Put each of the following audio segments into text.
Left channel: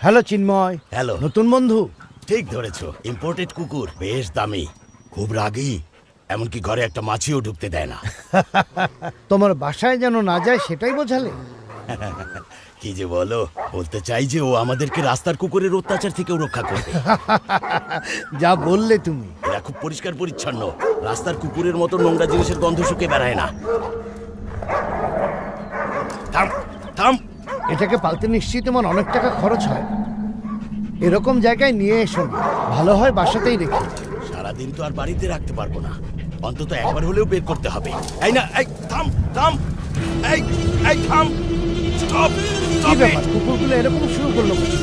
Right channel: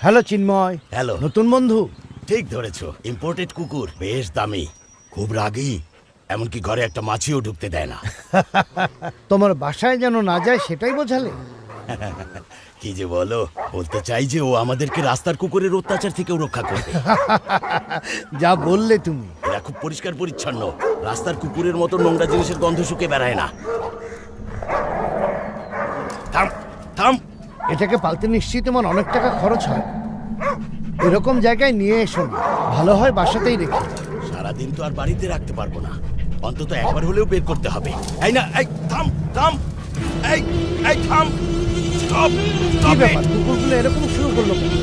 Hello চিন্ময়। Hello. নতুন বন্ধু? ঠিক ধরেছো, ইম্পোর্টেড কুকুর, বেশ দামি, খুব রাগী, এমনকি ঘরে একটা মাছিও ঢুকতে দেয় না। তোমার বাসায় যেন না যায় সেটাই বোঝালে? কি যে বলো, বলতে চাই যে ও আমাদেরকে রাস্তার কুকুরের অত্যাচার থেকেও রক্ষা করবে। যা বললে তুমি। এরা খুব পরিষ্কার পরিচ্ছন্ন, রাস্তার কুকুরের মতো নোংরা জিনিসের গন্ধ শুকে বেড়ায় না। থাম থাম। এটাকে পালতে নিশ্চয়ই তোমার অনেক টাকা খরচ হয়। এরকম জায়গায় নিয়ে এসো না, ভালো হয় বাসাতেই রেখে। সারাদিন তো আর বাড়িতে রাখতে পারবো না, অন্তত একবার হলেও বের করতে হবে। এই না, এই থাম থাম, এই এই থাম, স্টপ কি স্টপ। ব্যাপার, কুকুরগুলো এরকম শুরু করলো কেন?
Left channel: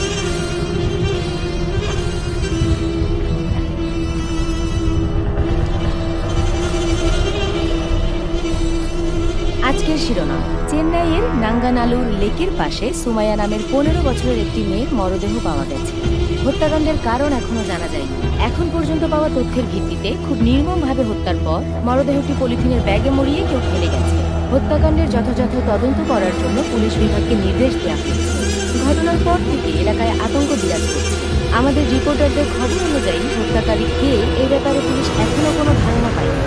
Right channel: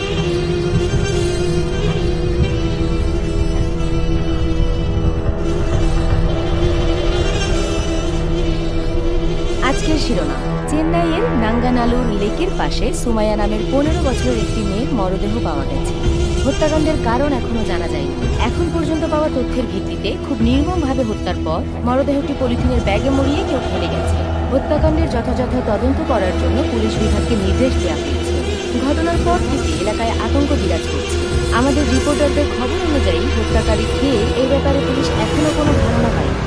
আজকের শিরোনাম, চেন্নাইয়ের নাঙ্গানালুর লেকের পাশে সুমাইয়া নামের 15 বছরের একটি মেয়ের মরদেহ পাওয়া গেছে। হত্যাকাণ্ডের কারণ এখনো জানা যায়নি। এখন পর্যন্ত পাওয়া তথ্যের ভিত্তিতে খুব নির্মমভাবে হত্যার পর মরদেহটি পলিথিনের ব্যাগে মুড়িয়ে কেউ ফেলে গেছে। হত্যাকাণ্ডের যথাযথ তদন্ত করার জন্য পুলিশ বিভাগকে নির্দেশ দেওয়া হয়েছে। ঘটনার পর থেকে এলাকায় আতঙ্ক বিরাজ করছে। আমাদের রিপোর্টারদের খবর অনুযায়ী হত্যাকারী কে এই ব্যাপারে পুলিশ এখনো কোনো ধারণা পায়নি।